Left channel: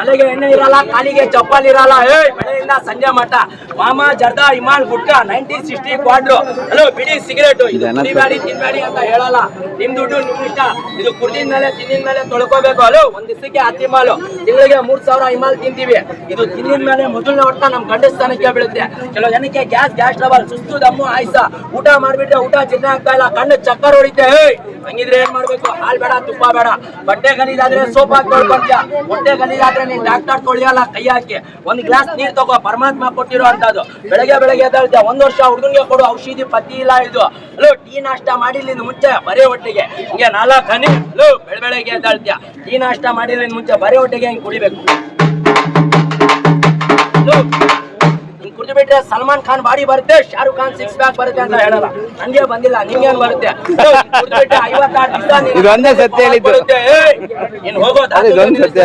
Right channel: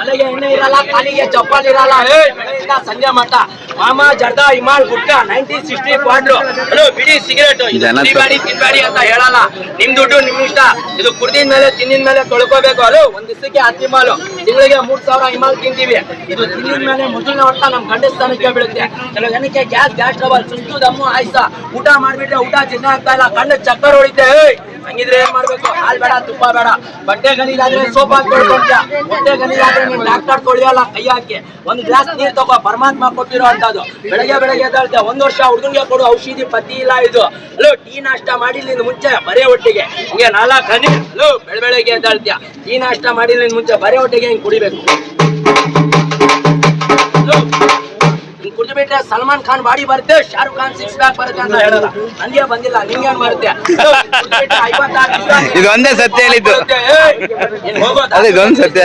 ತಲೆಗೆ ಎಣ್ಣೆ ಇರಲ್ಲ ಕಾಲಿಗೆ ಚಪ್ಪಲ್ ಇರಲ್ಲ ಏ ಬೆಳಗಿಂದ ಸಂಜೆ ಮಠ. ಮಾಮ ಜರ್ದಾ ಇಮಾಲ್ ಗುಟ್ಕ ನೈನ್ಟೀನ್ ಸಿಕ್ಸ್ಟಿ ಕ್ವಾಡ್ರು ಹಲೋ ಬಿಡಿ ಸಿಗರೇಟ್. ಇದು ಜನ ತ- ತಿನ್ಬೇಡಿ ಅಂತ ಹೇಳಲ್ಲ. ನಿಮ್ ದುಡ್ಡು ನಿಮ್ ಇಷ್ಟ. ಇದು ಕುಡ್ದಿನ ಮೇಲೆ ತಿನ್ನಿನ ಮೇಲೆ ತೊಳ್ಕೋಬೇಕು. ಹಲೋ ಒಂದ್ ದಿವಸಕ್ಕೆ ಹತ್ತು ಮಾಲು. ತಿಂಗಳಿಗೆ ಮೂರ್ ಸಾವಿರ ಇಮಾಲ್ ತಿಂತೀವಿ. ಇದು ತಿನ್ನಿನ ಮೇಲೆ ಮೊದಲನೇ ಹೊಟ್ಟ ನಮ್ ಗಂಡ ಸ್ಥಾನಕ್ಕೆ ಬೀಳುತ್ತೆ. ಕೆಲವು ಜನಕ್ಕೆ ಗ್ಯಾಸ್ ಗ್ಯಾಸ್ ಟ್ರಬಲ್ ಸುಸ್ತು ದಮ್ಮು ಆಯ್ಸ ಊಟ ಮಾಡ್ಬಿಟ್ರೆ ಊಟ ಚೆನ್ನಾಗ್ತಾ ಆಗ್ತಾ ಇಲ್ಲ. ಕಣ್ಣು ಚಕ್ಕರ್ ಹೊಡಿತೆ. ಹಂಗಿದ್ರೆ ಏನ್ ಮಾಡ್ಬೇಕು? ಹಾಲ್ ಬೇಡ, ತುಪ್ಪ ಬೇಡ. ಬಟ್ಟೆ ಗಲೀಜಾದ್ರೆ ಸೋಪ್ ಹಾಕಿ ಬಟ್ಟೆ ಹೊಟ್ಟೆ ಗಲೀಜಾದ್ರೆ ನೀನ್ ಡಾಕ್ಟರ್ ತೊಳಿಯಲ್ಲ, ಕೈ ಹಾಕಿ. ಒಂದ್ ಗ್ಲಾಸ್ ನೀರ್ ತಗೋ, ಪರಮಾತ್ಮ ಕೊಟ್ಟಿರೋ ಅಂತದ್ದು ಬೆಳಗ್ಗೆ ಬೆಳಗ್ಗೆ ಎದ್ದೇಳ್ತೆ, ಒಂದ್ ವರ್ಷ ಹುಡುಗನ್ಗೆ ಕೊಡೋ ಔಷಧಿ ಪತಿ ಇಲ್ಲ ಇದು. ಹಲೋ ಟೀ ನಾಷ್ಟ ಮಾಡಿಲ್ಲ ಮುಂಚೆ, ಬರೇ ಹೊಟ್ಟಿಗೆ ಹಿಂಗೆ ನಾಲ್ಕು ಹನಿ ಹಲೋ ಬೆಳ ಬೆಳಗ್ಗೆ ಟೀ ನಾಷ್ಟ ಮಾಡಿಲ್ಲ ಮುಂಚೆ, ಬರೇ ಹೊಟ್ಟಿಗೆ ಹಿಂಗ್ ಕುಡಿಬೇಕು. ಬಿಟ್ರೆ ಸಲ್ಮಾನ್ ಖಾನ್ ಬಾಡಿ ಬರುತ್ತೆ ಶಾರುಖ್ ಖಾನ್ ಸಿಕ್ಸ್ ಪ್ಯಾಕ್ ಬರುತ್ತೆ ಅಂತ ಹೇಳಲ್ಲ ಹಂಗೆ ಬಂದಿಲ್ಲ ನಿಂಗೇನ್ ಬರುತ್ತೆ ಹಲೋ, ಕುಡ್ದು ಬಿಟ್ರೆ 56 ದಿವ್ಸ ನೀನು ಇದೊಂದೇ ಸತ್ಯ ಹೇಳಿದ್ದು. ಬರುತ್ತೆ. ಇದೊಂದು ಸತ್ಯ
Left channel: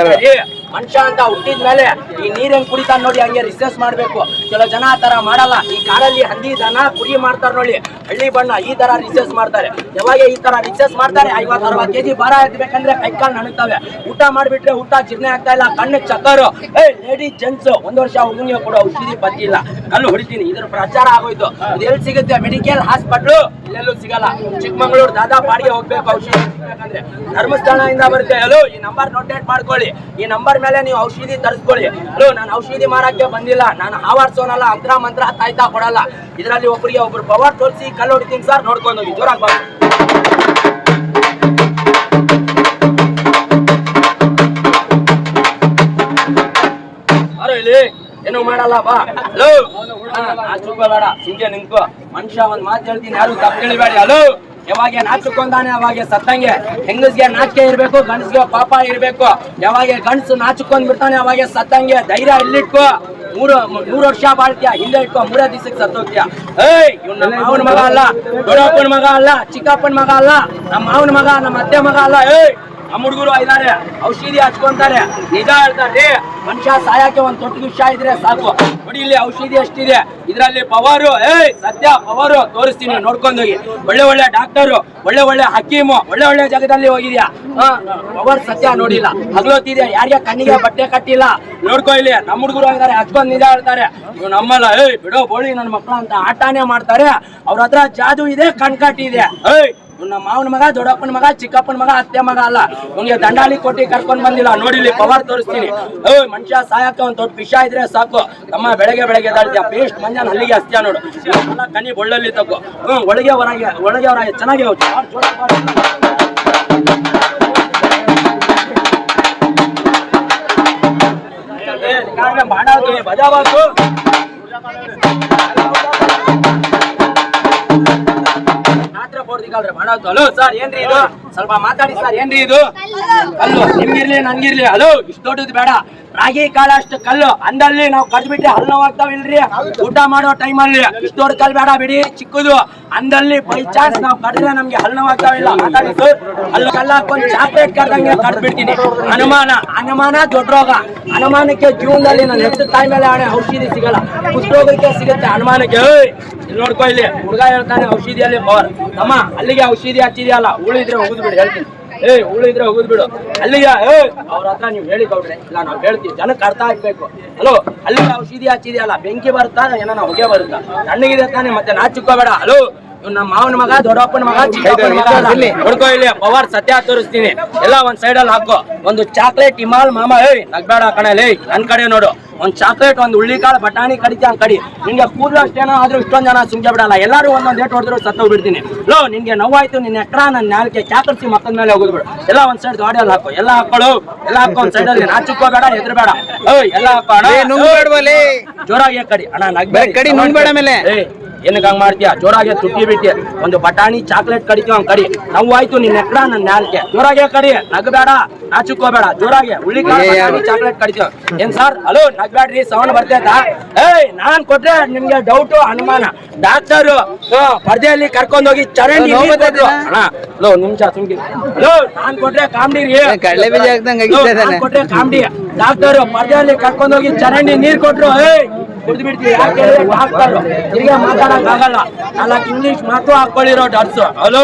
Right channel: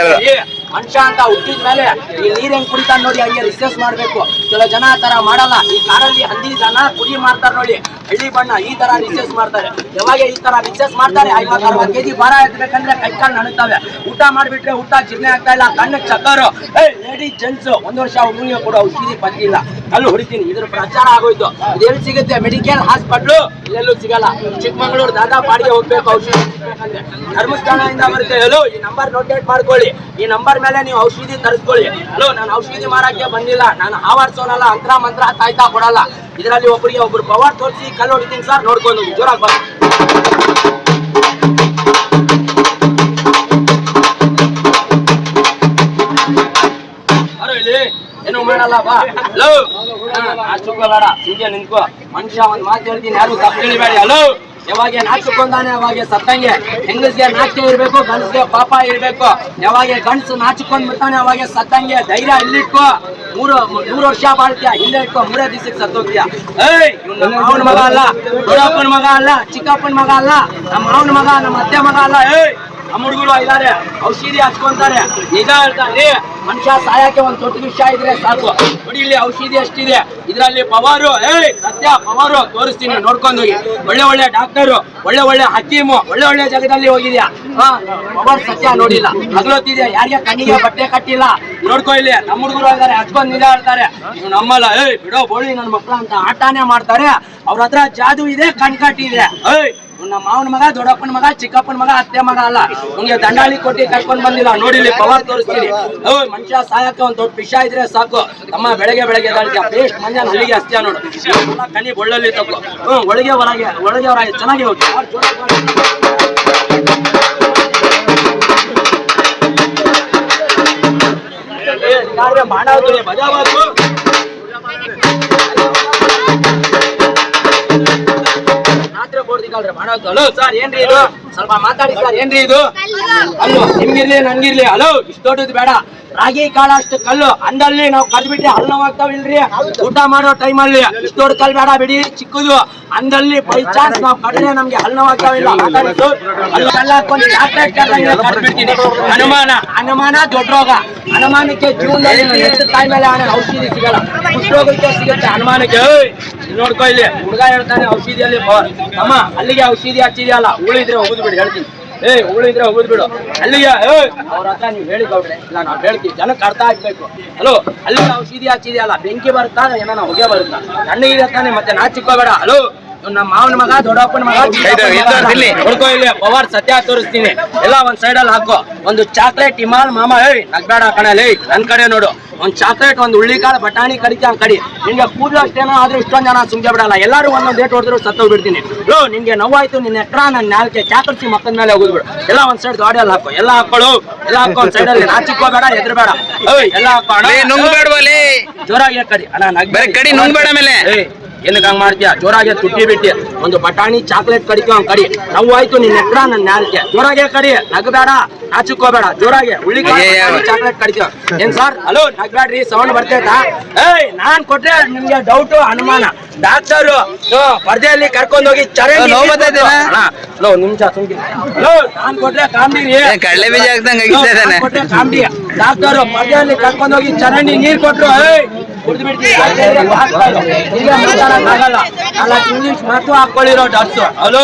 ಮನುಷ್ಯ ಅಂತ ಹುಟ್ಟಿದ ಮೇಲೆ ಈ ನೀರ್ ಹೆಂಗ್ ಕುಡಿತಾನ ನೋಡಿ, ಹಂಗೆ ರಿಸರ್ಚ್ ಮಾಡ್ಬೇಕು. ಕೆಲವು ಜನ ಆ ತರ ಮಾಡಲ್ಲ. ಈ ಕಾರಲ್ಲಿ ಹಂದಿ ದನ ಕುಡಿ ಮಾಡ್ತಾರ ನೋಡಿ. ಹಳ್ಳಿ ಬಣ್ಣ ಈ ತರ ರಿಸರ್ಚ್ ಮಾಡ್ತಾರೆ. ಯಾವಾಗ ಈ ತರ ರಿಸರ್ಚ್ ಮಾಡ್ತಾರೆ? ಐವತ್ತು, ಅರವತ್ತು ಕೆಜಿ ಭಾರ ಎತ್ತಬೇಕಂದ್ರೆ ಕೈ ಕಾಲು ನಡುತ್ತವೆ ಊಟ ಮಾಡ್ಬಿಟ್ರೆ ಊಟ ಜಿರ್ನೆ ಆಗ್ತಾ ಇಲ್ಲ. ಕಣ್ಣು ಚಕ್ಕರು. ಏಯ್ ಲೇಡಿ ಜೆಂಟ್ಸ್ ಒಂದು ವರ್ಷ ಹುಡುಗಿಗೆ ಕೂಡ, ಔಷಧಿ ಇಲ್ಲ ಕಲ್ಲು ಹೊಡಿತೀನಿ. ಇದ್ರ ಪ್ರಚಾರ ಆಗೋಯ್ತು. ಇದೆಲ್ಲಿ ಸಿಗುತ್ತೆ? ಮೆಡಿಕಲ್ ಹಾಸ್ಪಿಟ್ಲು ಇಲ್ಲೆಲ್ಲೂ ಸಿಗಲ್ಲ. ಚಿಕ್ಕಮಗಳೂರು ದಾದಾ ಬಾಡಿಗೆ ಹೋಗ್ಬೇಕು ಔಷಧಿ ಧರ್ಮಸ್ಥಾನದಿಂದ ಬರುತ್ತೆ. ಹೇಳು ಈ ನಂಬರ್ ನೋಟೇಟ್ ಮಾಡ್ಕೊಳ್ಳಿ. ಈ ನಂಬರ್ ಮೇಲೆ ನೀವು ಔಷಧಿ ತರಿಸ್ಕೊಳ್ಳಿ. ಹಲೋ ನಾನು ಔಷಧಿ ಮಾರಕ್ಕೆ ಬಂದಿಲ್ಲ. ನಾನು ಹಾವಾಡ್ಸೋನಲ್ಲ ಅಂತರ ಮಂತ್ರ ತಾಯ್ತಾ ಕೊಡಲ್ಲ. ಇದರಲ್ಲಿ ಒಬ್ಬರಿಗೆ ಒಬ್ರು ಪವರ್ ತೋರಿಸಿ ಕಲ್ಲು ಹೊಡಿತೀನಿ ಸರ್, ನೋಡ್ಕೊಂಡು ಹೋಗಿ. ಜೋರಾಗಿ ಬಾ. ಬಾರೋ ಇಲ್ಲಿ ಏನು ಮಾಡಲ್ಲ, ಬಾ. ಹಲೋ ಅಷ್ಟು ಬೇಡ. ಸಿಂಗೆ ನಿಂತ್ಕೋ. ಮನುಷ್ಯ ಒಂದ್ ಮಾತು ಹೇಳ್ತೀನಿ, ಯಾರು ತಪ್ಪು ತಿಳಿಬೇಡಿ ಹಲೋ ಯಾವಾಗ ನಾಚುಕೊಂಡಾನೆ ಅವಾಗ ಸತ್ತಂಗೆ. ಹೆಂಗಸ್ಗೆ ನಾಚಿಕೆ ಇರ್ಬೇಕು, ಗಂಡಸ್ಗೆ ಪಾಪ ಇರ್ಬೇಕು. ಯಾವಾಗ ಗಂಡಸು ನಾಚಿಕೊಂಡ್ ಬಿಡ್ತಾನೆ ಅವಾಗ ಸತ್ತಂಗೆ. ಧೈರ್ಯ ಇಲ್ಲಿಟ್ಕೋ. ಮೂರು ಮೂರು ವರ್ಷ ಬಾಳ್ತೀಯ, ಹಿಂದೆ ಇಟ್ಕೋ, ಮೂರೇ ದಿವಸಕ್ಕೆ ಸತ್ತೋಗ್ತೀಯ. ಏಯ್ ನಮ್ಮ ಮಾವನ ಮಗ ಅಲ್ಲ. ದೊಡ್ಡಪ್ಪನ ಮಗ ಅಲ್ಲ, ಚಿಕ್ಕಪ್ಪನ ಮಗ ಅಲ್ಲ. ನಮ್ಮ ಮಾವನ ಮಗ, ನಮ್ಮ ಅತ್ತೆ ಮಗ ಅಲ್ಲ. ಏಯ್ ನಮ್ಮ ಹುಡುಗರು ಇದಾರೆ ಔಷಧಿ ಹಚ್ಕೊಂತಾರೆ. ನಿಜ ಹೇಳ್ತಾರೆ ಮನುಷ್ಯ ಸಾಯಕ್ಕೆ ಒಂದು ದೊಡ್ಡ ವಿಷಯ ಇದ್ರೆ ಸಾಕು. ನೋಡಿ, ಇಲ್ಲಿ ಔಷಧಿ ಅಷ್ಟಿದೆ. ಇದರಲ್ಲಿ ಪವರು, ಏಯ್, ಸತ್ಯ ಪವರು ತೋರಿಸ್ತೀನಿ, ನೋಡ್ಕೊಂಡು ಹೋಗಿ. ಒಳ್ಳೆ ಒಳ್ಳೆ ಡಾಕ್ಟರು ಒಳ್ಳೆ ಒಳ್ಳೆ ಹಕೀಮು, ಒಳ್ಳೆ ಒಳ್ಳೆ ಜಾಗದಲ್ಲಿ ಹೋಗಿದ್ಯಾ? ಪವರ್ ಸತ್ಯ ನೋಡಿಲ್ಲ. ಹಗಲೊತ್ತಿದೆ ಯಾರಿಗೆ ಕಣ್ಣಿಗೆ ಬಟ್ಟೆ ಕಟ್ಟಿಲ್ಲ? ನೋಡ್ಕೊ ಇಲ್ಲಿ, ನಮ್ಮ ಹುಡುಗರು ಇದಾರೆ ಹಚ್ಕೊಂಡ್ ನಿಜ ಹೇಳ್ತಾರೆ. ಇವ್ ನಮ್ಮಲ್ಲ, ಏಯ್, ಬಿಡೋ ಬೋಳಿ ನನ್ನ ಮಕ್ಕಳು ಅಂತ ಆಟಾನೇ ಮಾಡ್ತಾರೆ. ಅವ್ರ ಹತ್ರ ಜಾದು ಇದೆ ಕಣ್ಕಟ್ಟಿ ಇದೆ ಏಯ್ ನಮ್ಮ ಮಾವನ ಮಗ, ದೊಡ್ಡಪ್ಪನ ಮಗ, ಚಿಕ್ಕಪ್ಪನ ಮಗ, ಅತ್ತೆ ಮಗ ಅಲ್ಲ. ಅವ್ನಿಗೆ ದಂಡಾಳಿ ಕೊಟ್ಟಿ ಕರ್ಕೊಂಡ್ ಬಂದಿಲ್ಲ. ನೋಡಿ ಇಲ್ಲಿ ಪವರ್ ತೋರಿಸ್ತೀನಿ. ಓಯ್, ಮನುಷ್ಯ ಸಾಯಕ್ಕೆ ಒಂದ್ ದೊಡ್ಡ ವಿಷ ಇದ್ರೆ ಸಾಕು. ತಮ್ಮ ಬೆಳಗ್ಗೆ ಬೆಳಗ್ಗೆ ಎದ್ದಾಳ್ತೀಯ. ಪೇಸ್ಟ್ ಮಂಜಾನ ಹಲ್ಲಿಗೆ ಅಷ್ಟೇ ನೋಡು. ಕನಿ ಬೊಳ್ಳಲ್ಲಿ ತಗೋ. ಹ್ಮ್, ಒಳಗೆ ಹೊರಗೆ ಒಳಗೆ ಹೊರಗೆ. ಚೆನ್ನಾಗಿ ಹೋಗ್ತು ಮಾಡೋದು ಬಜಾಬಾತು ರಾತ್ರಿ ಬೋರ್ದಿಗಲ್ರಿ ಮಾಡೋದು ಹಲೋ ಸರ್ ಏನ್ರಿ ಇದು? ಸ್ವಲ್ಪ ಮಾತಾಡಿ ಸರ್ ಏನ್ರಿ ಇದು? ಅಲ್ಲೋ ನಿಮ್ಗಿರ್ಲಿ ನನ್ಗಿರ್ಲಿ. ಹಲೋ ಇಷ್ಟು ದೊಡ್ಡದು ಬೇಡ. ರಾಗಿ ಕಾಳ ಅಷ್ಟು ಕಲ್ಲು. ಅಂದಲ್ಲಿ ನಾವು ಕದ್ ಬಿಟ್ರೆ ಹಲ್ಲು ನೋವಾಗ್ತಾವಿಲ್ರಿ ಊಟ ಮಾಡೋ ಟೈಮಲ್ಲಿ. ಅಲ್ಲಿ ದೊಡ್ಡ ಕಲ್ ಬೇಡ ಬಿಡಿ, ಚಿಕ್ಕದು. ಅಂದಲ್ಲಿ ಬೈ ಚಾನ್ಸ್ ನಾವು ಕಡಿದ್ರೆ ನಮ್ಗೆ ಹಲ್ಲವಾಗ್ತಾವಿಲ್ಲ ಅಲ್ಲಿ ಕಲ್ಲ ಕಡ್ಬಿಡ್ತೀನಿ ಅನುಮಾನ ಅನುಮಾನ, ದೊಡ್ಡ ರೋಗ. ಅನುಮಾನಕ್ಕೆ ಜೀವನದಲ್ಲಿ ನನ್ನ ಹೆತ್ತ ತಾಯಿ ಮೇಲೆ ಔಷಧಿ ಸಿಗಲ್ಲ. ಕುಷ್ಠರೋಗಕ್ಕೆ ಸಿಗುತ್ತೆ ಅನುಮಾನಕ್ಕೆ. ನೋಡ್ಕೊ ಇಲ್ಲಿ. ಹುಡುಗ ಹೇಳ್ತಾನೆ, ಔಷಧಿಯಲ್ಲಿ ಪವರ್ ಅಮ್ಮ ಅಲ್ಲಿಗೆ ಔಷಧಿ ಹಾಕಿದ್ಯಾಲ ಉಳಿದ್ರೆ ಹೋಗುದು ಬಿಡಿ, ಹೇಳ್ತೀನಿ. ಏಯ್ ಉಳಿದ್ರೆ ಹೋಗುದ್ ಬಿಡು. ಅಲ್ಲಿಗೆ ಅವ್ರ ಹತ್ರ ನೀವು ಹೇಳಿ ಗೌಡ್ರೆ. ಇಲ್ಲ ನಾವು ಹೇಳ್ತೀವಿ. ಜನಕ್ಕೆ ಅರ್ಥ ಆಗ್ಬೇಕು. ಹಲೋ ಅಲ್ಲಿಗೆ ಔಷಧಿ ಅಲ್ಲ ಬೆಂಕಿ ಬರುತ್ತಾ ಏನೋ ಹೊಗೆ ಬರುತ್ತಾ? ಕಣ್ಣಿಗೆ ತಾನೆ ಮತ್ತೆ ನಾಚಿಕೋಬೇಡ ಹಲೋ ನನ್ನ ನಮ್ಮ ಮಾವನ ಮಗ ದೊಡ್ಡಪ್ಪನ ಮಗ ಹುಡ್ಕೋ ಇಲ್ಲಿ. ಪವರ್ ಸತ್ಯ ತೋರಿಸ್ತೀನಿ. ಎಲ್ಲ ಒಂದ್ ಸೈಡ್ ಅಲ್ಲಿ ಹಾಕೋ. ಒಂದು ಚಾಕ್ಲೇಟ್ ಇಮಾಲ್ ಮಾಮ ಏಯ್ ನಗ್ಬೇಡ ಕಣಲೆ ನನ್ ಕಡೆ ನೋಡು. ಒಂದ್ ಚಾಕ್ಲೇಟ್ ಒಂದ್ ಹುಳ್ಳಿಕಾಳು ಬಟಾಣಿ ಕಡಿತ ಕಡಿ. ನಿಂಗೆ ಕೂದಲು ಅಷ್ಟೇನೋ ಆದ್ರೂ ಇಷ್ಟೊಂದು ಜನ ಸುಮ್ಗೆ ಬಿಡಲ್ಲ. ಎಲ್ಲಾರು ಒಂದೊಂದು ಡೇಟ್ ಹೊಡೆದ್ರು ಸತ್ತೋಗ್ಬಿಡ್ತೀನಿ ಲೋ ನಿನ್ಗೆ ನೋವಾಯ್ತು ನಿನ್ನ ಎಕ್ರ ನನ್ನ ನಾಲ್ಕೆ ಚಾಕರ್ಸಿ ಮಕ್ಕಳ ಮೇಲೆ ಹೋಗುದು ಬಿಡು ಎಲ್ಲ ಒಂದ್ ಸೈಡ್ ಗಾಡಿಯಲ್ಲಿ ಹಾಕು. ಎಲ್ಲ ಹಾಕೊಳ್ಳು ಎಲ್ಲ ಹಾಕೋ ಒಂದ್ ಸೈಡ್ ಅಲ್ಲಿ. ನಾಚಿಕೋಬೇಡ ಎದ್ರಬೇಡ. ಓಯ್ ಎಲ್ಲ ಹಾಕೋಣ. ಜೋರಾಗಿ ಕಡಿ. ಅಣ್ಣ ನಗ್ ಕಡಿ ನುಂಗ್ಬೇಡ ಮೇಲೆ. ಏನಕ್ಕೆ ಹಂಗೆ ಮಾಡ್ತೀಯ? ಜೋರಾಗೆ ತುಟ್ಟಿ ಬಿಟ್ಟಿ. ಒಂದು ಬಟಾಣಿ ಚಾಕ್ಲೇಟ್ ಕಡಿತೀವ ಅವ್ನ್ ಕಡಿ. ನಾವು ಆಯ್ತು ನಿನ್ನ ಎಕ್ರ ನನ್ನ ನಾಲ್ಕೆ. ಜೋರಾಗೆ ಕಡಿ. ನಗಬೇಡ. ನಾಚಿಕೋಬೇಡ ಜೋರಾಗಿ. ಉಳ್ಳಿ ಚಾಕ್ಲೇಟ್ ಕಡಿತೀವ ಏನ್ ಸರ್ ಹಲೋ ನಗ್ಬೇಡ್ರಿ ಸೌಂಡ್ ಬರ್ತೈತಾ ಏಯ್ ನಾನ್ ಕೊಟ್ರೆ ನಿಮ್ಗೆ ಡೌಟ್ ಅನುಮಾನ. ಡಾಕ್ಟರ್ ಪರ್ದೆಯಲ್ಲಿ ಕರ್ಕೊಂಡ್ ಹೋಗಿ ಚರಂಡಿ ಹಲೋ ನಿಮಿಷ ಸುಮ್ಗಿ ಹಲೋ ನಾನ್ ಕೊಟ್ರೆ ಕಾಮಿಡಿ ಕಡ್ಲೆ ಬೀಜ ಹಾಕ್ದಂಗ್ ಕೊಟ್ರೆ ಕಾಮಿಡಿ. ಡಾಕ್ಟರ್ ಪರ್ದೆಯಲ್ಲಿ ಕರ್ಕೊಂಡ್ ಹೋಗಿ ಚರಂಡಿ ನೀರ್ ಕೊಟ್ರು. ಏಯ್ ಈಗ ಮಾತಾಡಕ್ ಆಗಲ್ಲ ಅಲ್ಲ ಇಂಗ್ಲಿಷ್ ಮಾತು ಹಾಕೊಳ್ಳಿರೋ ಡಾಕ್ಟರ್ ಹಲೋ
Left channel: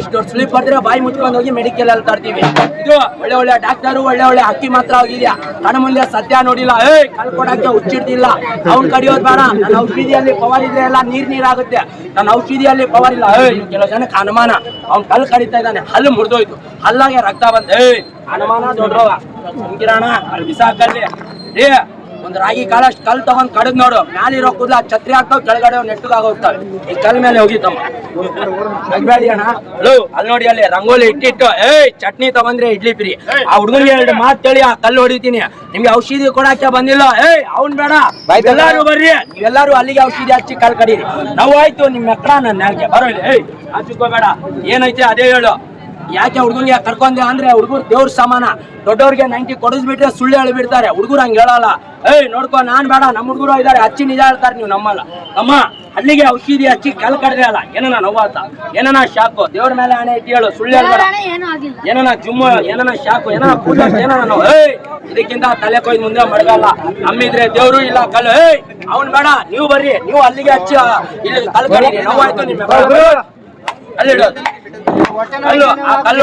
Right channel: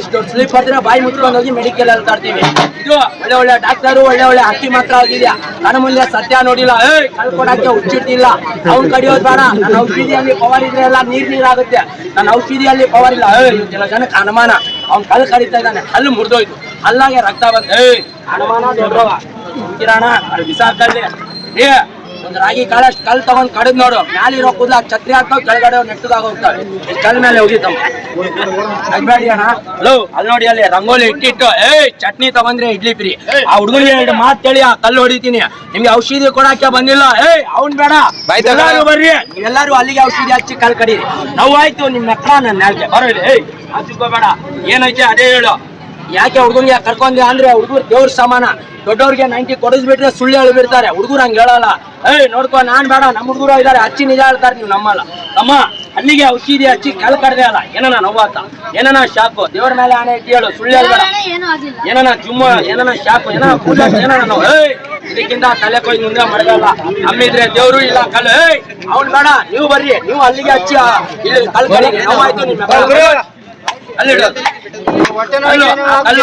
ಇಷ್ಟು ಸ್ಲೀಪ್ ಆದ್ರೆ ಬಾಯಿ ಮುಚ್ಕೊಂಡು ಹೋಗಿ ಮೆಡಿಕಲ್ ಅಲ್ಲಿ ತರ್ತೀವಿ. ಇದು ಒಳ್ಳೆ ಒಳ್ಳೆ ಡಾಕ್ಟರು ಒಳ್ಳೆ ಒಳ್ಳೆ ಅಕ್ಕಿ ಮಾತ್ರ ಹೋಗಿದ್ಯಾ ಕಣ ಮುಂದೆ ಸತ್ಯ ನೋಡಿಲ್ಲ. ಏಯ್ ಕಳ್ಕೊಡಕ್ಕೆ ಹುಚ್ಚಿಡ್ತಿಲ್ಲ. ಅವ್ನ್ ಕಡಿಯೋದ್ ಬೇಡ. ನನ್ನ ಔಷಧಿಯಲ್ಲಿ ಪವರ್ ಇದ್ರೆ ಎಲ್ಲ ನೀರ್ ನೀರಾಗುತ್ತೆ. ನನ್ನ ಔಷಧಿಯಲ್ಲಿ ಪವರ್ ಇಲ್ಲ. ಏಯ್ ಕೆಲವು ಜನಕ್ಕೆ ಅನುಮಾನ. ಅವ್ನ್ ಕಲ್ ಕಡಿತಾ ಇದ್ದಾನೆ. ಹಲ್ಲು ಮುರಿದೋಯ್ತು. ಹಲ್ಲಾಗೆ ರಕ್ತ ಬಂತ ಏಯ್, ಅನುಮಾನ ದೊಡ್ಡವ. ಕಿರಣ ಬಿಸಾಕಲ್ಲಿ ಏ ಒಂದ್ ರಾಗಿ ಕಾಳಷ್ಟು ಕಲ್ ತಗೊಂಡ್ ಕಡದ್ ನೋಡು. ಮ್ಯಾಲಿರೋ ಕೂದಲ ಛತ್ರಿ ಹಾಕೋ ಕೆಳಗಡೆ ನೆಟ್ಟಗಾಗ ಹೋಗ್ತಾವೆ ಈ ಕಲ್ ಮೇಲೆ ಹೋಗಿತ್ತಮ್ಮ ನಗ್ಬೇಡಿ ಅಣ್ಣ. ಹಲೋ ಅಲ್ಲಿ ನೋಡಿ ಅಲ್ಲಿ ರಂಗೋಲಿ ಇಟ್ಟಿಟ್ಟು ಏ ಚಟ್ನಿ ತಗೊಂಡ್ರೆ ಇಡ್ಲಿ ಫ್ರೀ. ಆ ಹುಡುಗನಿಗೆ ಎರಡು ಮಾತು ಹೇಳಿ ಆ ಕಲ್ಲು ಹೊಡಿತೀನಿ. ನಿಮ್ಗೆ ಔಷಧಿ ಕೊಡಕ್ಕೆ ಬಂದಿಲ್ಲ. ಏ ಅವ್ನ್ ಬೇಡ. ಬರ್ರಿ. ಎಲ್ಲಾರು ನೀವೆಲ್ಲರೂ ಅಲ್ಲಿಗೆ ಔಷಧಿ ಹಚ್ಚಿ ಕಲ್ ಕಡೀರಿ. ಆಯ್ತು ನಿಮ್ ಎಕ್ಕಡ ನನ್ನ ಬರೋ ಇಲ್ಲಿ ಏಯ್ ಹಚ್ಕೋಬೇಡ ಏನೈತೆ ಅದೇ ಹೇಳು. ಯಾಕೆ ಹುಡುಗನ್ಗೆ ಕರ್ಕೊಂಡೆ ಅಂದ್ರೆ ಹುಡುಗರು ದೇವ್ರ ಸಮಾನ. ದೊಡ್ಡವ್ರಿಗೆ ನೈಂಟಿ ಕೊಡಿಸ್ಬಿಟ್ರೆ ಸುಳ್ಳು ಹೇಳ್ಬಿಡ್ತಾರೆ. ಹುಡುಗರು ಹಂಗೆ ಹೇಳಲ್ಲ. ಏಯ್ ನೋಡ್ಕೊ ನಾನ್ ಬೇಡ. ನಮ್ಮ ಹುಡುಗರು ಇದಾರೆ. ಅಚ್ಚಿ ನಿಜ ಹೇಳ್ತಾರೆ ನೀವು ನಮ್ಮಲ್ಲ. ಅಮ್ಮ ಅಲ್ಲಿಗೆ ಔಷಧಿ ಹಚ್ಚಿ ಕಲ್ ಕಡ್ದೆ ಅಲ್ಲ. ಏನನ ನೋವಾತ ಏನನ ಶಾಕು? ದೇವ್ರ ಮೇಲೆ ಆಣೆ ಇಟ್ಟು ಹೇಳು. ಸುಳ್ಳು ಹೇಳ್ಬೇಡ. ಏನೂ ಆಗಿಲ್ಲ. ಏನನ ಜುಮ್ಮ ಏನನ ಶಾಕು? ಏನನ ಪೂಜಾ ಏನನ ನಾವು? ಏಯ್ ಇದಕ್ಕಿಂತ ತಲೆ ಕೊಯ್ ಮುಂದೆ ಮಡಗಲ್ಲ. ನಮ್ಮಿದ್ರೆ ದೇವ್ರು ಇಲ್ಲ ಕಲ್ ಏಯ್ ಅವ್ನ್ ಬೇಡ. ನೀವು ಬರ್ರಿ. ನೀವು ಅಲ್ಲಿಗೆ ಹಚ್ಚಿ ಇಲ್ಲಿ ಕಲ್ ಕಡಿ ನೋವಾಯ್ತು ನಿಮ್ಮ ಅಲ್ಲಿ ಅಲ್ಲೋ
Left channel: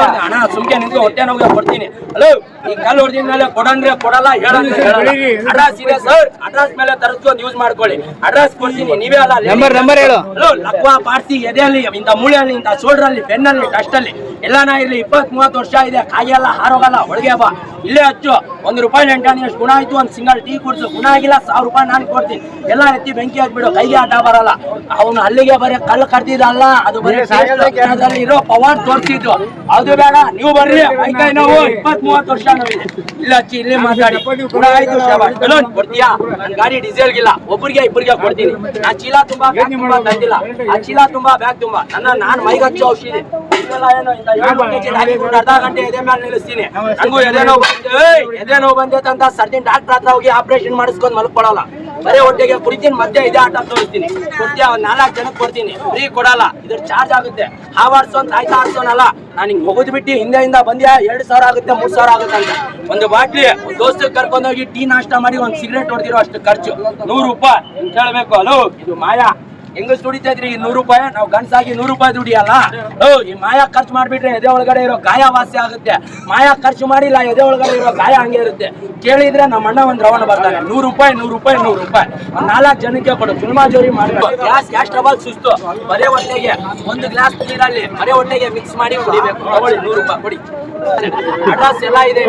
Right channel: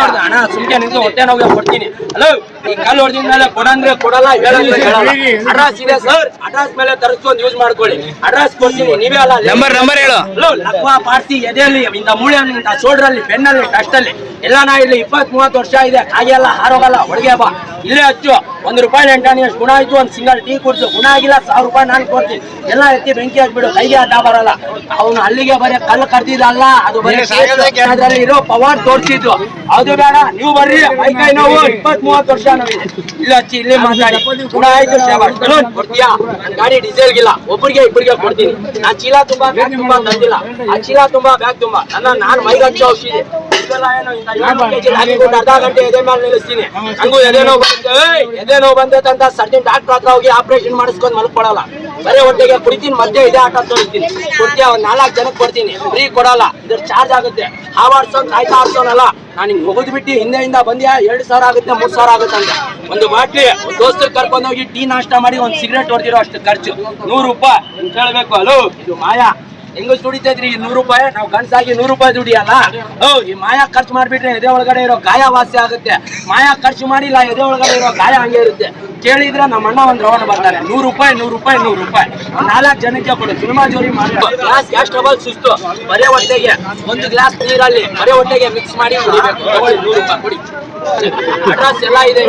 ಹೊಡ್ದ ಅಣ್ಣ ಸುಮ್ಕೆ ನಿಂತು ಹೊಟ್ಟೆ ನೋವು ಕೊಡ್ತೀನಿ? ಹಲೋ ಈ ಕಲ್ಲು ಹೊಡೆದ ಮೇಲೆ ಕೊಡಂದ್ರೆ ಕೊಡಲ್ಲ ಹೇಳಂದ್ರೆ ಹೇಳಲ್ಲ. ಅಡ್ರೆಸ್ ಇದೆ ಸರ್. ಅಡ್ರೆಸ್ ಮೇಲೆ ತರಿಸ್ಕೊಂಡು ಯೂಸ್ ಮಾಡ್ಕೊಳ್ಳಿ. ಅಡ್ರೆಸ್ ಕೊಡ್ತೀನಿ ನೀವೇ ಅಲ್ಲ ನಂಬರ್ ನಂಬರ್ ಹೇಳು. ಹಲೋ ಲಕ್ವ ಪಾರ್ಸಿ ಎದೆಯಲ್ಲಿ ಇಂದ ಮೂಳೆಯಲ್ಲಿ ಇಂದ ಶೋಲ್ಡ್ರಲ್ಲಿ ಬೆನ್ನಲ್ಲಿ ಎಲ್ಲ ನಾ ಇಲ್ಲಿ ಇಪ್ಪತ್ ಮೂವತ್ತು ವರ್ಷ ಇದೆ ಕಾಯಿಯಲ್ಲ ಹಾರೋಗಲ್ಲ ಒಳಗೆ ಬಾ. ಇಲ್ಲೇ ಹಚ್ಚು. ಒಂದ್ ರೂಪಾಯಿ ಎಂಟಾಣಿ ಅಷ್ಟು ಗುಣ ಆಯ್ತು ಒಂದು ಸಿಂಗಲ್ ಟೀ ಕುಡ್ಸು. ಗುಣ ಆಗಿಲ್ಲ ಸಾವಿರ ರೂಪಾಯಿ ನಾನು ಕೊಡ್ತೀನಿ. ಎಲ್ಲ ಎತ್ತಿ ಬೆಂಕಿ ಹಾಕ್ಬಿಡು ಕೈಗೆ ಅಡ್ಡ ಬರಲ್ಲ. ಅವನು ಅಲ್ಲಿಗೆ ಬರೀ ಕಲ್ಲು ಕರ್ದಿದ್ದಲ್ಲ ಅದು ಬರೀ ಇರೋ ಪವರ್ ತೋರಿಸಿದ್ದು. ಅದು ಬೇಡ ನೀವು ಬರ್ರಿ ಕೈ ನೋವು ಇಪ್ಪತ್ ಮೂವತ್ತು ವರ್ಷ ಇಲ್ಲ ಹಚ್ಚಿ ಇಲ್ಲಿ ಮಾತಾಡಿ. ಆಯ್ತು ಶಾಬಾಷ್ ಕಣೋನ್, ಕೊಡ್ತೀಯಾ? ನನ್ ಗಾಡಿ ಡೀಸೆಲ್ ಗಿಲ್ಲ. ಒಬ್ಬರಿಗೆ ಇಬ್ಬರಿಗೆ ಕೊಡ್ತೀನಿ. ನಾ ಚೀಲ ತುಂಬಾ ಬ್ಯಾಗ್ ತುಂಬಾ ತಂದಿಲ್ಲ. ಆ ಚೀಲ ತುಂಬಾ ಬ್ಯಾಗ್ ತುಂಬಾ. ನನ್ನ ನಾನ್ ಮೈಗೆ ಹಚ್ಚೋ ಔಷಧಿ. ಅರ್ಧ ಗಂಟೆ ಎದೆ ಮೇಲೆ ನಿಲ್ಲಿಸ್ತೀನಿ. ನಂಗೂ ಎದೆ ನೋವು ಬಂದ ಎದೆ ನೋವು ಬಂದೈತೆ ಅಂತ ಸರ್ಟಿನ್ ಡಾಕ್ಟರ್ ಹತ್ರ ಹೋಗಿ ಆಪರೇಷನ್ ಮಾಡಿಸ್ಕೊಂಡ್ ಮಲ್ಕೊಳಲ್ಲ. ಬರೀ ಹೊಟ್ಟೆಗೆ ಕುಡಿತೀನಿ ಮತ್ತೆ ಇದೇ ಆಟ ತೋರಿಸ್ತೀನಿ. ಕೊಡ್ತೀಯ, ಒಂದು ನಾಲ್ಕು ಜನಕ್ಕೆ ಕೊಡ್ತೀನಿ. ಫ್ರೀ ಕೊಡಲ್ಲ, ಇದ್ರ ಚಾರ್ಜ್ ಆಗುತ್ತೆ. ಹಾವಾಡ್ಸೋನ್ ಕಾಯ್ತಾ ಹಾಕ್ಸೋನಲ್ಲ, ನಾನು ಹಿಂಗ್ ಮುಗಿದ್ ಬಿಟ್ಟು ಹಿಂದೆಯಿಂದ ಬಂದ್ಯಾ, ಎರಡು ಸಾವಿರ ಆಗುತ್ತೆ, ಮೂರ್ ಸಾವಿರ ಆಗುತ್ತೆ ಅಂತ. ಒಂದು ಬಾಟ್ಲಿ, ಒಂದ್ ದೋಸ್ತ ಕರ್ಕೊಂಡೋಗಿ ಟೀ ನಾಷ್ಟ ಮಾಡಿ, ಒಂದು ಸಿಗರೇಟ್ ಹೊಡೆದಿರೋ ಅಷ್ಟು ಖರ್ಚು. ನೂರು ರೂಪಾಯಿ ಹಿಂಗ್ ಅಲೋ, ಇದು ಮಾಯಾ. ಹೆಂಗ ದುಡಿತೈತ್ರಿ ಈ ನೂರು ರೂಪಾಯಿ? ನಾವು ಗಂಡ್ಸಾಗಿ ನೂರು ರೂಪಾಯಿ ದುಡಿಯಲ್ಲ? ಓ ಈ ಮಾಯಾ ಖರ್ಚು ಮಾಡ್ಬಿಟ್ರೆ ಎದೆ ಒಳಗಡೆ ಇರೋ ಗಾಯ ವಾಸಿ ಆಗುತ್ತೆ. ಮಾಯಾ ಖರ್ಚು ಮಾಡಿಲ್ಲ ಎದೆ ಒಳಗಡೆ ಇರೋ ಗಾಯ ಹಂಗೆ ಇರುತ್ತೆ. ಕೇಳಿದ್ರೆ ನಮ್ಮ ಅಣ್ಣ ಒಂದ್ ರವಣ ಬರ್ತಾರೆ ನೂರು ರೂಪಾಯಿ ನೂರು ರೂಪಾಯಿ ನೂರು ರೂಪಾಯಿ. ನಾಲ್ಕು ಜನಕ್ಕೆ ಕೊಡು ಸಿನಿಮಾ ಜೋರಿ ಮಾಡಿ. ಗ್ಲಾಸ್ ಗ್ಯಾಸ್ ಟ್ರಬಲ್ ಸುಸ್ತು. ಬರೇ ಹೊಟ್ಟೆಗೆ ಒಂದು ಗ್ಲಾಸ್ ನೀರಲ್ಲಿ ಬರೇ ಹೊಟ್ಟೆಗೆ ಮಿಕ್ಸ್ ಮಾಡಿ ಕುಡಿಬೇಕು. ತಗೊಳ್ಳಿ ನೂರು ರೂಪಾಯಿ ಕೊಡಿ. ಅಡ್ರೆಸ್ ಎಲ್ಲ ಇದೆ.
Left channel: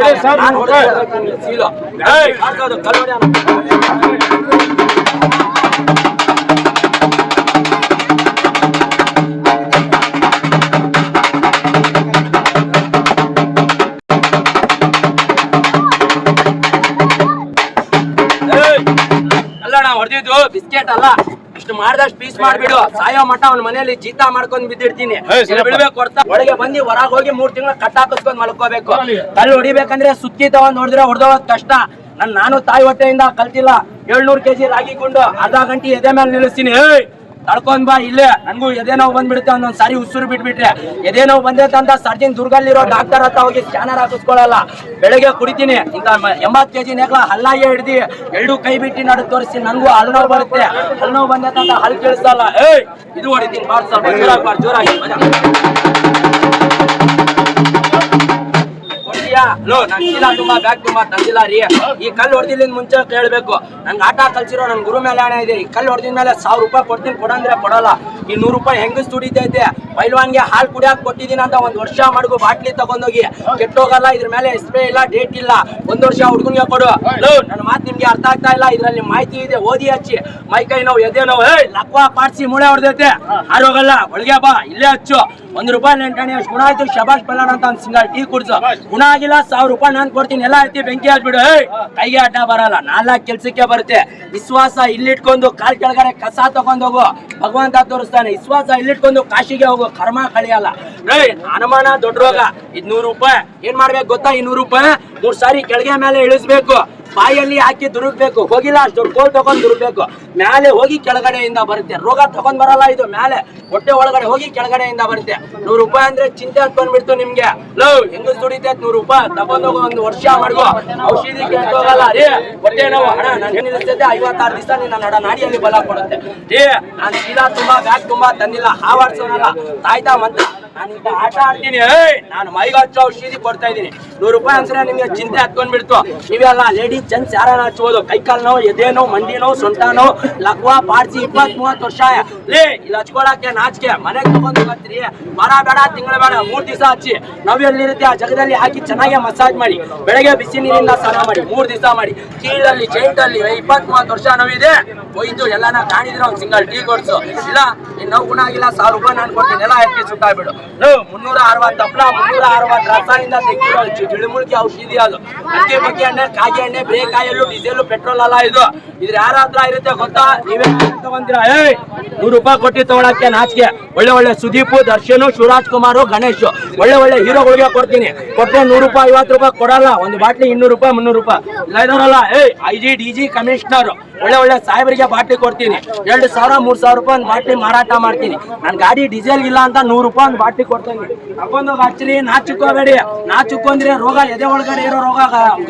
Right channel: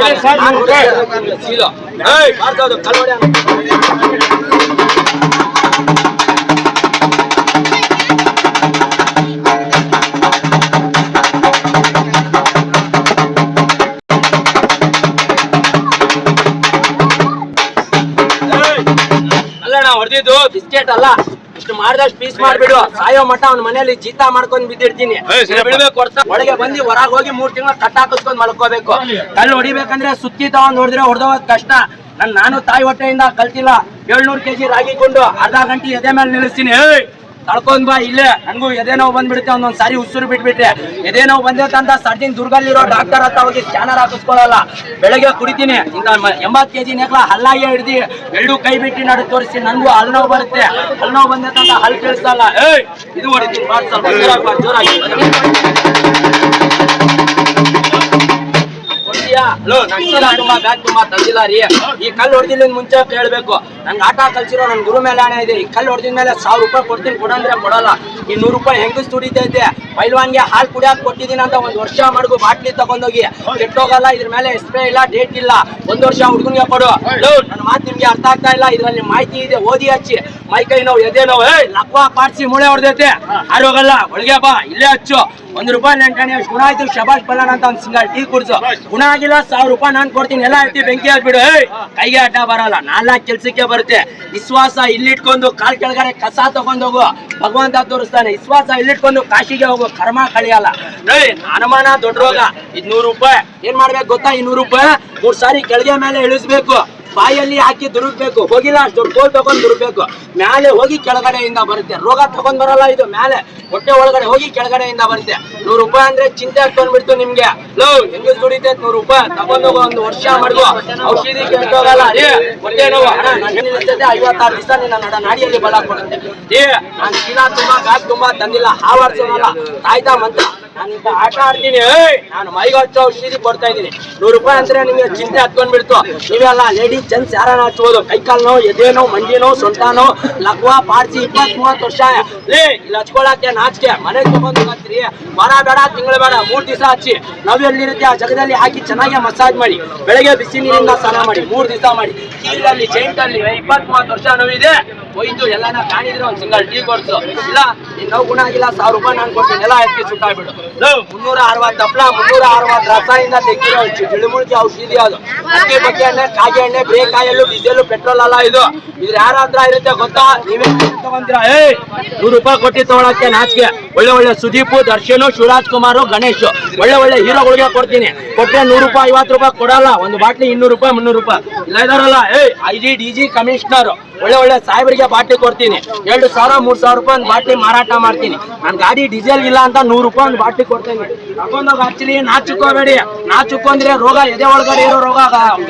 ಸೀಲು. ಹೊಡೆದಿದ್ದು ಬಿಸ್ಕೆಟ್ ಅಲ್ಲ. ಇಷ್ಟು ಮಾಡಿದಷ್ಟು ಪೀಸ್ ಮಾಡ್ಬಿಡು. ಸಾಯೋ ಮಠ ಅವ್ನ ಮನೆಯಲ್ಲಿ ಜೀತ ಮಾಡ್ಕೊಂಡ್ ಬಿದ್ದಿರ್ತೀನಿ. ಬಿಡ್ಬೇಕು ಹೊರ್ತಾ. ಒಳಗೆ ಬಂದು ಹೊರಗೆ ಹೋಗಿ ಮೂರ್ ತಿಂಗಳ ಕಟ್ಟ ಹಾಕಿಸ್ಕೊಂಡ್ ಮಲ್ಕೋಬೇಕು. ಕಲ್ಲು ಹೊಡಿಬೇಕಂದ್ರೆ ಸುತ್ತಿ ತಗೊಂಡ್ ನೋಡಿದ್ರೆ ಹೊಡೆದೋದ್ ಕಷ್ಟ. ನನ್ ನಾನು ತಾಯಿ ಹೊಟ್ಟೆಯಿಂದ ಕಲ್ತಿಲ್ಲ. ಏಳ್ನೂರ್ ಕೆಜಿ ರಾಗಿ ಕೊಂಡು ಅರ್ಧ ಗಂಟೆ ಎದೆ ಮೇಲೆ ನಿಲ್ಲಿಸ್ತೀನಿ. ತಳ್ಕೊಂಡ್ ಬಾ ಇಲ್ಲೇ. ನನ್ಗೂ ಎದೆ ನೋವು ಬಂದ್ಬಿಡುತ್ತೆ, ಒಂದೊಂದ್ ಸಾರಿ ಉಸಿರು ಬಿಟ್ಬಿಟ್ರೆ. ಎದೆ ನೋವು ಬಂದೈತೆ ಅಂತ ಸರ್ಜಿನ್ ದುರ್ಗಲ್ಲಿರೋ ಡಾಕ್ಟರ್ ಹತ್ರ ಹೋಗಿ ಸ್ಕ್ಯಾನರ್ ಹಾಕಿಸ್ಕೊಳ್ಳಲ್ಲ. ಬೆಳಗ್ಗೆ ಕುಡಿತೀನಿ. ಇಂತ ಎಂಬತ್ ಕೆಜಿ ನೆಗ್ಲ ಹಲ್ಲಾಗೆ ಹಿಡ್ದಿ, ಎರಡು ಕೈ ಬಿಟ್ಟು ನಡು ತೋರಿಸಿ ನನ್ಗೂ ಹಲ್ ನೋವು ಬರುತ್ತೆ. ಹಲ್ ನೋವು ಬಂದೈತೆ ಅಂತ ಹಲ್ ಕೇಳಿಸಲ್ಲ ಏಯ್, ಇದು ಹೊಡಿತೀನಿ ಮಾಡ್ಸಲ್ಲ ಜೋರಾಗಿ ಲೋ, ರೀ. ಈ ಕಲ್ಲು ಹೊಡೆದಿಲ್ಲ ಮುಂಚೆ ಕೇಳ್ಬೇಕು. ನಂಗೆ ಆಟ ಕಲ್ಸಿರೋ ನನ್ ಗುರು ಮೇಲೆ ಹಣ ಇದೆ. ಈ ಕಲ್ಲು ಹೊಡೆದಿದ ಮೇಲೆ ಸಾವಿರ ರೂಪಾಯಿ ಕೊಡ್ತೀನಿ ಕೊಡಂದ್ರೆ ಕೊಡಲ್ಲ. ಈ ನೂರು ರೂಪಾಯಿ ಹೆಂಗಸ್ ದುಡಿತೈತೆ? ಪೈಲ್ವಾನ್ಗೆ ಹಾಲು ಕುಡಿಯಾಕ್ ಕೊಟ್ಟಿದ್ದೀನಿ ಅಂತ ಒಂದ್ ವರ್ಷ ಮಡಗು ಬಾಟ್ಲಿ ತಗೊಂಡೋಗಿ ಕೆಟ್ಟೋಗಲ್ಲ ಇದ್ರ ಮೇಲೆ ಸ್ಪ್ರೇ ಇಲ್ಲ ಡೇಟ್ ಇಲ್ಲ. ಒಂದ್ ವರ್ಷ ಹುಡುಗನ್ಗೆ ಕೊಡು. ನನ್ನ ಮಾತು ನಿಮ್ಗೆ ಅರ್ಥ ಆಗ್ತಾ ಇಲ್ಲ. ಇದ್ರಲ್ಲಿ ಮಾಹಿತಿ ಇದೆ ಓದಿ ಹಚ್ಚಿ. ಮೈ ಕೈ ನೋವು ಎದೆ ನೋವು. ಏಯ್ ಲಕ್ವಾ ಪಾಡ್ಸಿ ಮೂಳೆ ಹೊಡೆದೈತೆ. ಹೋಗಲ್ಲ ಒಳಗೆ ಬಾ ಇಲ್ಲೇ ಹಚ್ಚು. ಒಂದ್ ರೂಪಾಯಿ ನೆಂಟಾಣಿ ಗುಣ ಆಯ್ತು. ಶಬಾಷ್ ಬಲ್ಲಣ ಅಂತ ಒಂದ್ ಸಿಂಗಲ್ ಟೀ ಕುಡ್ಸು. ಗುಣ ಆಗಿಲ್ಲ ಸಾವಿರ ರೂಪಾಯಿ ನಾನ್ ಕೊಡ್ತೀನಿ. ಎಲ್ಲ ಐತಿ ಬೆಂಕಿ ಹಾಕ್ಬಿಡು. ಏಯ್ ಕೈಗೆ ಅಡ್ಡ ಬರಲ್ಲ. ನಾಲ್ಕು ಕೆಲ್ಸಕ್ಕೆ ಬರುತ್ತೆ. ವಿಶ್ವಾಸ ಇಲ್ಲಿಟ್ಕೊಂಡು ಕಾಲ್ ಕೆಳಗಡೆ ಕಸ ತಗೊಂಡೋಗು. ಭಗವಂತ ತೋರಿಸ್ತಾನೆ ವಿಶ್ವಾಸ ಇಲ್ಲಿಟ್ಕೊಂಡು ಕಾಶಿಗೆ ಹೋಗೋ ಕರ್ಮ ಕಳಿಯಲ್ಲ. ಅನುಮಾನ, ದೊಡ್ಡ ರೋಗ ಇದ್ ನೂರು ರೂಪಾಯಿ. ಏನ್ ಮಾಡ್ಬೇಕು ಗೊತ್ತಾ, ಇನ್ನೂರು ರೂಪಾಯಿ? ಮೂರ್ ಸಾರಿ ಕೆಳಗೆ ಮೇಲೆ ಇಳಿಸ್ಬೇಕು. ಬಾಯಲ್ಲಿ ಹಾಕಿ ದುರುಗ್ಬೇಕು ಹೋಗಿಲ್ಲ ಅಷ್ಟು ಕೋಲ್ ತಗೊಂಡ್ ದುರುಗ್ಬೇಕು ಮೇಲೆ ಹೋಗಿ ಕೆಳಗಡೆಯಿಂದ ಬರುತ್ತೆ. ರೋಗ ತಗೊಂಡ್ ಬರಲ್ಲ ಇದು. ಮ್ಯಾಲೆ ಹೊಟ್ಟೆ ಒಳಗಡೆ ಹೋಗಿ ಕೆಳಗಡೆಯಿಂದ ಬರುತ್ತೆ. ನೂರು ರೂಪಾಯಿ ಅಂದ್ರೆ ಚಿಂತೆ ಹಾಕೊಂಡ್ಬಿಡ್ತು ನಿಮ್ಗೆ. ಲೋ, ಹೆಂಗ್ ದುಡಿತೈತ್ ನೂರು ರೂಪಾಯಿ. ತಗೊಂಡೋಗೋ ಒಂದು ವರ್ಷ ಮಾಡ್ಕೋ ಔಷಧಿ ಕೆಟ್ಟೋಗಲ್ಲ ಏ, ಹೊಟ್ಟೆ ನೋವು. ಹಣ ನಾನು ಐವತ್ತಾರು ದಿವಸ ನಿನ್ನ ನಡ ನಾಡಿಯಲ್ಲಿ ಬಲ ಕೊಡುತ್ತೆ. ಏ, ನಾನ್ ಚೀಲ ತುಂಬಾ ಬ್ಯಾಗ್ ತುಂಬಾ ತಂದಿಲ್ಲ. ಹಾವಾಡ್ಸೋನಲ್ಲ. ತಾಯ್ತಾ ಮಂತ್ರ ಇಂಥ ಆಟ ಆಡ್ತೀನಿ ನಾನು ಮೈಗೆ ಹಚ್ಚೋ ಔಷಧಿ ಕೊಡ್ತಾ ಇದ್ದೀನಿ. ನೂರು ರೂಪಾಯಿ ಅಂದ್ರೆ ನಿಮಗೆ ಚಿಂತೆ ಹತ್ಕೊಂಡ್ಬಿಡ್ತು. ನೀವೆಲ್ಲ ಲೇಡಿ ಜೆಂಟ್ಸ್ ಯಾರನ್ನ ಹಚ್ಚೋದು ಕೈಕಾಲ್ ನೋವು ಎದೆ ನೋವು ಮಂಡಿ ನೋವು ಪಾರ್ಸಿ ಇಪ್ಪತ್ ಮೂವತ್ತು ವರ್ಷ ಲೇ, ಇಲ್ಲಿ ಹಚ್ಕೊಳಕ್ಕೆ, ನಾಚಿಕೆ. ಮನೆಗೆ ತಗೊಂಡು ಹೋಗ್ತೀರಿ ಮರ ಬೇಡ, ತಿಂಗಳು ಬೇಡ. ಮೂರ್ ದಿವಸ ಹಚ್ಚಿ. ನಾವು ಎಲ್ಲಿರುತ್ತೆ? ಆ ಜಗದಲ್ಲಿ ಹಾಕಿ ಚೆನ್ನಾಗಿ ಮಸಾಜ್ ಮಾಡಿ. ಬೆಳಗ್ಗೆ ಬಿಸಿ ನೀರಿಂದ ಸ್ನಾನ ಮಾಡಿ. ಮೂರ್ ದಿವಸ ಮಾಡಿ. ಕೀಳಲ್ಲಿ ಜೈಂಟ್ ಅಲ್ಲಿ ಇಪ್ಪತ್ ಮೂವತ್ತು ವರ್ಷ ನೋವಿದೆ. ಒಯ್ದು ಎಲ್ಲಾನ ಕಾಣಿದ್ರೆ ಒಂದು ಸಿಂಗಲ್ ಟೀ ಕೊಡ್ಸು. ಇಲ್ಲ, ನಿನ್ ನೋವು ಗುಣ ಆಗಿಲ್ಲ, ಸಾವಿರ ರೂಪಾಯಿ ನಾನು ಕೊಡ್ತೀನಿ ಎಲ್ಲ ಹೆಚ್ಚಿ ಸುಟ್ಟಾಗ್ಬಿಡು. ಮುನ್ನೂರ ಅರವತ್ತು ಹಪ್ಪಳ ಮುನ್ನೂರ ಅರವತ್ತು ರಸಾಯಿಂದ ತೆಗಿರೋ ಗಿಳಿಮುಳ್ಕಿ ಔಷಧಿ ಅದು. ಅಕ್ಕಿ ಬಗ್ಗೆ ಎಣ್ಣೆ, ಕಾಗೆ ಎಣ್ಣೆ ಬ್ರೇಕ್ ಡೀಸೆಲು, ಪೆಟ್ರೋಲ್ ಅಲ್ಲ ಇದು. ಇದ್ರ ಯಾರ ಹತ್ರ ಇರುತ್ತೆ ಗೊತ್ತಾ? ನೀವೇ ತಗೊಂತೀರಾ? ಏ ನೂರು ರೂಪಾಯಿ ಕೊಟ್ಟಿ ತಗೊಳಕ್ಕೆ ನಾಚಿಕೆ. ಒಳ್ಳೆ ಒಳ್ಳೆ ಸುದೀಪ್, ದರ್ಶನ್, ಶಿವರಾಜ್ ಕುಮಾರ್, ಗಣೇಶ್. ಒಳ್ಳೆ ಒಳ್ಳೆ ಹೀರೋಗಳಿಗೆ ಕೊಡ್ತೀನಿ. ಕೊಟ್ಟರೆ ನೂರು ರೂಪಾಯಿ, ಐವತ್ತು ರೂಪಾಯಿ ಕೊಡಲ್ಲ. ಒಂದು ಬಾಟ್ಲಿ ಇನ್ನೂರು ರೂಪಾಯಿ, ಮುನ್ನೂರು ರೂಪಾಯಿ. ಇಲ್ಲ ಇದಾರಲ್ಲ I G D G commissioner ಒಳ್ಳೆ ಒಳ್ಳೆ ಸಾಹೇಬರಿಗೆ ಬಾಟ್ಲಿ ಕೊಡ್ತೀನಿ. ಎರಡು ಸಾವಿರ, ಮೂರು ಸಾವಿರ ರೂಪಾಯಿ ಒಂದು ಬಾಟ್ಲಿ ಮಾರಾಟ ಮಾಡ್ತೀನಿ. ನನ್ನ ಗಾಡಿ ಡೀಸೆಲ್ ಇಲ್ಲ ಅಂತ ನೂರು ರೂಪಾಯಿ ಒಂದು ಬಾಟ್ಲಿ ಕೊಡ್ತೀನಿ. ತಗೊಂಡೋಗಿ ಹಚ್ಚಿರಿ ನಾಚುಕೋಬೇಡಿ ನಾಚುಕೊಂಡ್ರೆ ರೋಗ, ಎದೆ ಒಳಗಡೆ ಇರೋ ರೋಗ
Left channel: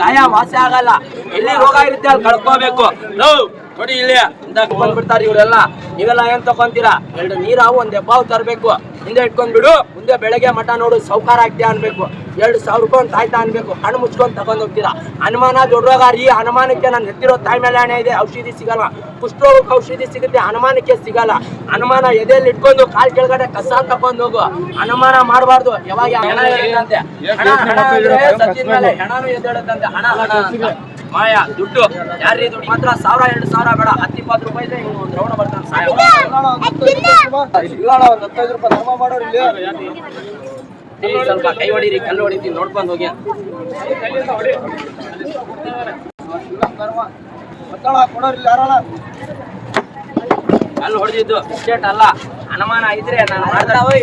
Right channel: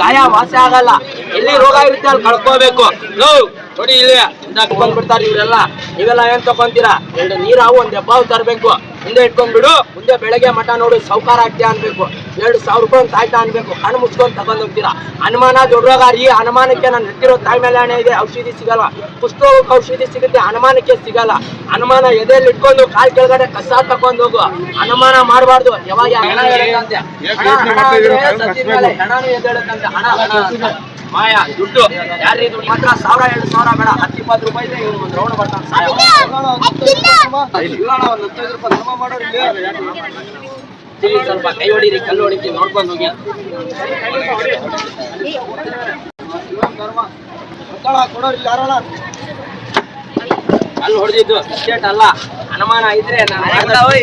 ಗಾಯ, ವಾಸಿ ಆಗಲ್ಲ. ಎಲ್ಲಿ ರೋಗ ಇರುತ್ತೆ ಅಲ್ಲಿ ಕಳ್ಕೋಬೇಕು. ನೋ ನೋಡಿ ಇಲ್ಲಿ ಇಂದಾಗ ಬಂದ್ಬಿಡ್ತಾರೆ ಇವರೆಲ್ಲ. ನೀವೆಲ್ಲ ಏನ್ ತಗೊಂತೀರಾ ಎರಡು ನೀರಾವು ಒಂದ್ ಹೆಬ್ಬಾವು ತರಬೇಕು. ಮುಂದೆ ಇಟ್ಕೊಂಡ್ಬಿಡು ಮುಂದೆ ಬೆಳಗ್ಗೆ ಮಠ ನೋಡು ಸೌಕಾರ ಆಗ್ತೀಯ ಅನ್ಬೇಕು ಎರಡು ಸಾವಿರ ರೂಪಾಯಿ ಒಂದು ತಾಯ್ತಾ ಅನ್ಬೇಕು ಕಣ್ಣು ಮುಚ್ಕೊಂಡು ತಗೊಂಡು ಹೋಗ್ತೀರಾ ಅನುಮಾನ ದೊಡ್ಡವಾಗ ಈ ಅನುಮಾನಕ್ಕೆ ನಾನು ನೆತ್ತಿರೋ ತಾಯಿ ಮೇಲೆ ಹಣೆ ಇದೆ ಔಷಧಿ ಸಿಗಲ್ಲ ಕುಷ್ಠರೋಗಕ್ಕೆ ಔಷಧಿ ಸಿಗುತ್ತೆ ಅನುಮಾನಕ್ಕೆ ಸಿಗಲ್ಲ ಅನುಮಾನ ಎದೆಯಲ್ಲಿ ಇಟ್ಕೊಂಡು ಕಾಲ್ ಕೆಳಗಡೆ ಕಸ ತಗೊಂಡ್ ಹೋಗು ಅನುಮಾನ ಮಾಡಬಾರ್ದು ಯಾವಾಗ ಹಣ ಹೇಳಕ್ಕಂತೆ ಹಣ ಹಣ ಅಂದ್ರೆ ಸತ್ತಿದ ಹಣನೂ ಎದ್ದೇಳುತ್ತಂತೆ ಹಣ ಹಣ ಅಂತ ಮಾಯ ದುಡ್ಡು ಯಾರೀ ದುಡ್ಡು ಮಾತ್ರ ಸಾವಿರ ಎರಡು ಸಾವಿರ ಬೇಡ ಹತ್ತು ಇಪ್ಪತ್ತು ರೂಪಾಯಿ ಒಂದು ರೌಂಡ್ ಬರ್ತಾನೆ ಸಾಯ ಇಲ್ಲಿ ಸ್ವಲ್ಪ ಕೈ ಹೊಡೀರಿ ಕಲ್ಲು ಹೊಡಿತೀನಿ ನೋಡ್ಕೊಂಡು ಹೋಗಿ ಅಲ್ಲಿ ಹೊಡೆದಿದ್ದು ಬಿಸ್ಕೆಟ್ ಅಲ್ಲ ಅನುಮಾನ ಇದ್ರೆ ನಾನು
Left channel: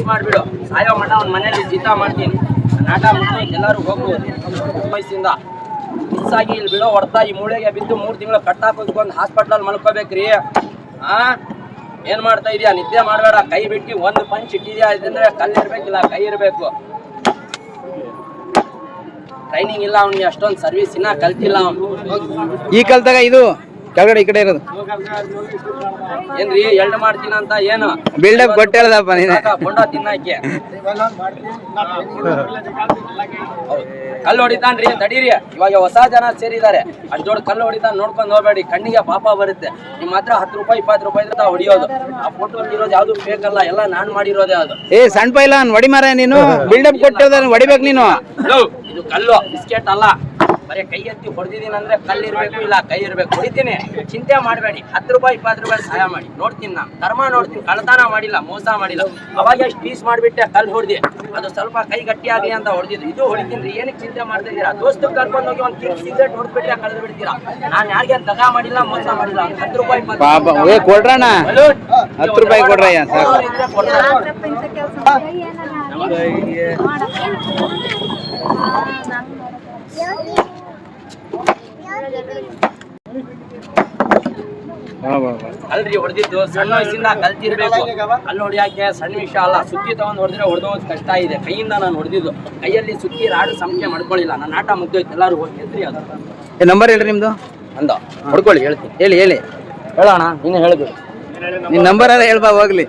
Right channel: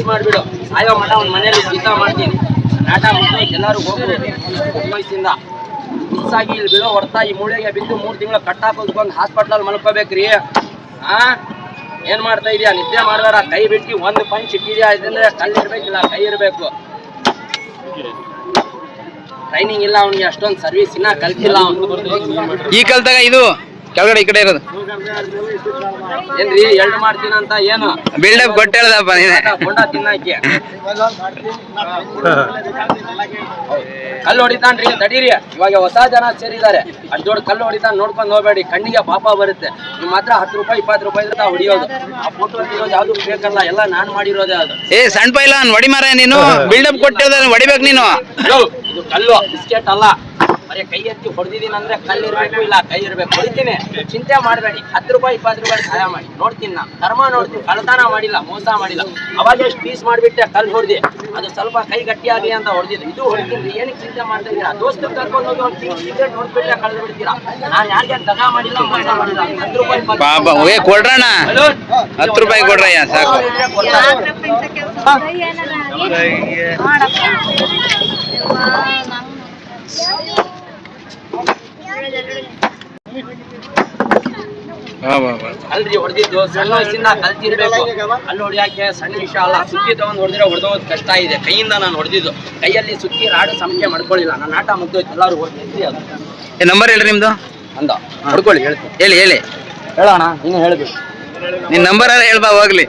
ಮಾಡ್ಬಿಡು ಸಾಯೋ ಮಠ ಅವ್ನ ಮನೇಲಿ ಜೀತ ಮಾಡ್ತೀನಿ ನಾಟ ಮುಗಿದು ಎಲ್ಲರೂ ಹೋಗ್ಬೋದು ವಯಸ್ಸಿಂದ ಮಿಸ್ ಆಗಿ ಇಲ್ಲಿ ಬಿಡೋ ಹೊರ್ತಾ ಈ ಮೂಳೆಗೆ ಬಿದ್ದು ಮೂರು ತಿಂಗಳು ಕಟ್ ಹಾಕಿಸ್ಕೊಂಡು ಹಾಸ್ಪಿಟ್ಲಲ್ಲಿ ಮಲ್ಕೋಬೇಕ್ರಿ. ಆ? ಏನ್ ಮಾಡ್ತಾ ಇದೀಯಾ? ನಿದ್ದೆ ಮಾಡಬೇಡ. ಕೈ ಬಿಟ್ಟು ಒಂದು ಪಂಚ್ ಇಟ್ಟಿದ್ಯಾ? ಇದಂದ್ರೆ ಕಲ್ಲು ಇರ್ಬೇಕಿಲ್ಲ, ಕೈ ಇರಬೇಕು. ಟ್ರೈನಿಂಗ್ ಇಲ್ಲ ಅವ್ನಿಗೆ, ಅಷ್ಟೊಂದು ಸರ್ವಿಸ್ ಇನ್ನ ಕಲ್ತಿಲ್ಲ ಅವ್ನು. ಈ ಕಲ್ತಾಗ ಇದು? ಕೆಳಗಡೆ ಈ ಕಡೆ ಇರೋದು. ಏನ್ರಿ ಎಲ್ಡ್ ಮಾಡ್ತೀನಂತ ಏನು? ಬಿಲ್ಡಪ್ ಕೊಟ್ಟು ಹೇಳ್ದಪ್ಪ ನೀನೆ. ಕೊಂಡ ತಿನ್ನಕ್ಕೆ. ಕಲ್ಲು ಹೊಡಿತಾನ್ರಿ ತಡೀರಿ ಇವಾಗ ಹೊಸ ಜನ ಸೇರಿದ್ದಾರೆ. ಅಷ್ಟು ದೊಡ್ಡ ಕಲ್ಲು ಹೊಡಿತಾನ್ ನೋಡ್ಕೊಂಡು ಹೋಗ್ಬೇಡಿ. ಕಣ್ಣಿಗೆ ಪಾಪ ಬರುತ್ತೆ. ನಿಮ್ಮ ಹತ್ರ ಹತ್ತು ರೂಪಾಯಿ ಇಪ್ಪತ್ತು ರೂಪಾಯಿ ಇದ್ರೆ ಹೊಡಿಯೋದು. ಆ ಫೋಟೋ ಇರೋದು ಯಾವ್ದು ಫೇಕ್ ಅಲ್ಲ ಎಲ್ಲ ನಾನು ಮಾಡಿರೋದೇ ಅದು. ಏ ಸಣ್ಣ ಪೈಲಾನ್ ಹೊಡಿ ಮಾರ ನೀನು. ಬಿಲ್ಡಪ್ ಕೊಟ್ಟೇಳ್ದ ಹೊಡಿಬೇಕು ನೀನು. ಇದು ಕಲ್ಲು ಬಿಸ್ಕೆಟ್ ಅಲ್ಲ. ಬರೀ ಕೈ ಎತ್ತಿ ಹೊಡೆದಿದ್ದೀನಿ ಅಂದ್ರೆ ಕಲ್ಲಿರಬೇಕು ಇರ್ಬೇಕು ಇಲ್ಲ ಕೈ ಇರ್ಬೇಕು. ಹೊಡಿತೀನಿ. ಚಿಂತೆ ಮಾಡಬೇಡಿ. ಹತ್ತು ರೂಪಾಯಿ ಇಪ್ಪತ್ತು ರೂಪಾಯಿ ಸಹಾಯ ಮಾಡಿ. ನೋಡ್ತೀನಿ ನಾನು. ಕರ್ಮ ನೋಡ್ತೀನಿ. ಕಳ್ಳತನ ಮಾಡಿಲ್ಲ ಮೋಸ ಮಾಡಿಲ್ಲ. ಅವಾಗ ಎಷ್ಟು ಪೀಸ್ ಮಾಡಿಬಿಟ್ಟೆ ಕಲ್ಲು ಹೊಡೆದಿ. ಅದು ಸ್ವಲ್ಪ ಕೈ ಗಟ್ಟಿಯಾಗಲಿ ಅಂತ ಹೊಡೆದಿದ್ರು ಇದು ಹೊಡಿತೀನಿ. ಏನಕ್ಕೆ ಚಿಂತೆ ಮಾಡ್ತಾ ಇದ್ದೀರಾ? ದೋಸ್ತ ಕರ್ಕೊಂಡು ಹೋಗಿ ಒಂದು ಸಿಗರೇಟ್ ಹೊಡೆದ್ಬಿಟ್ಟೆ ಕಳೆದು ಬಿಡ್ತೀರಾ? ನಾನು ಯಾರಿಗೆ ದಗ ಮಾಡಿಲ್ಲ ಮೋಸ ಮಾಡಿಲ್ಲ. ಹತ್ತು ರೂಪಾಯಿ ಇಪ್ಪತ್ತು ಪಾಪ ಓಯ್ ಕೊಡ್ರಣ್ಣ. ಹಲೋ? ಹತ್ತು ರೂಪಾಯಿ ಕೊಡ್ರಯ್ಯ ಸಾಕು ಯಾಕ್ರಪ್ಪ ಇಂಥ ಕೆಲ್ಸ ಮಾಡ್ರೆ ಏನಾರ ಮಾಡಪ್ಪ. ಯವ್ವಾ, ನಂಗ್ ಹಾ, ಬಾ, ಬಾ. ಅಲ್ರಿ ಹೊಡೆದಿದ್ದು ಸಣ್ಣ ವಯಸ್ಸಿಂದ ಕಲ್ತಿರ್ಬೇಕು. ಅಲ್ಲಿ ಹೊಡಿಯಾಕೆ ಸಣ್ಣ ವಿಷಯ ಅಲ್ಲ. ಸುತ್ತಿ ತಗೊಂಡ್ ಹೊಡೆದ್ರೆ ಹೊಡೆದೋದ್ ಕಷ್ಟ ಇದೆ. ಕೈಯಿಂದ ನಾನು ಹೊಡೆದಿದ್ದು. ಕೈಯಲ್ಲಿ ಸುತ್ತಿ ರಾಡು ಸಂಖ್ಯೆ ಮಾಡ್ಕೊಳ್ಳಿಲ್ಲ. ನನ್ನ ಆಟ ಮುಗ್ದೋಯ್ತು. ಎಲ್ಲರೂ ಹೋಗಿ ಅದು. ನಂಬರ್ ಹೇಳ್ರಿ ನಿಮ್ದು? ಅಂದ ಹೊಡ್ಕೊಳ್ಳಿ ಹೇಳಿ ಹೇಳಿ ಹೇಳಿ. ಹೇಳೋಣ ನೀನು ಹೇಳಬೇಕು. ನಿನ್ ನಂಬರ್ ಹೇಳ್ಬಾ ಹೋಗ್ಲಿ.